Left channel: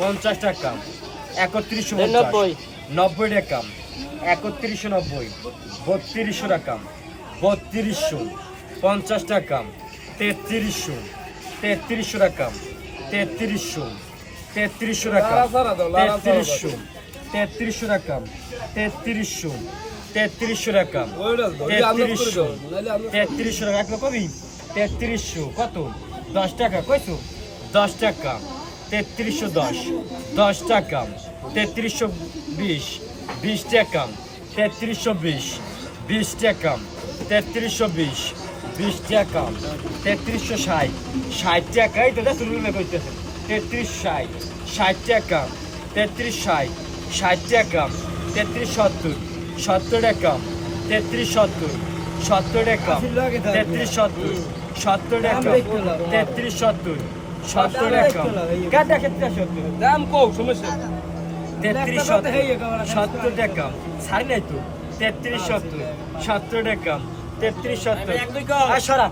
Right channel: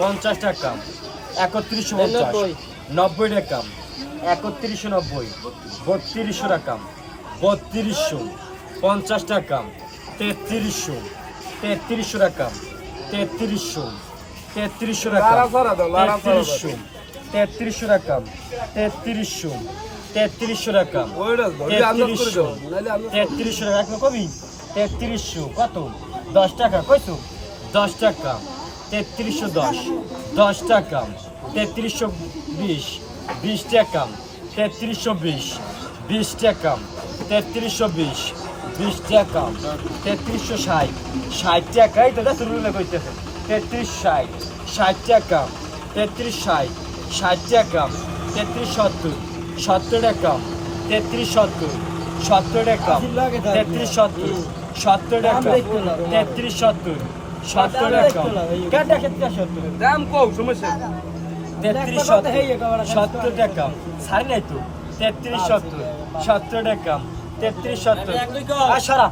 50 টাকা 3190 90 টাকা 3190 3200 টাকা 3200 50 টাকা 3300 3300 টাকা 3300 3300 টাকা 3300 3300 টাকা 3300 3300 টাকা 3300 3300 টাকা কবি 3300 কত 10 টাকা কইছো 10 টাকা 3310 10 টাকা 3320 20 টাকা 3320 20 টাকা 3320 20 টাকা 3360 60 টাকা এই তো শুরু না কইতেছে 3360 60 টাকা 3360 60 টাকা 3370 70 টাকা 3370 70 টাকা 3370 70 টাকা 3370 70 টাকা কাটা ক্ষেত্রে 70 দাম কও সমস্যা 3370 টাকা ছাড় নাই তো 3370 70 টাকা 3370 আর সরা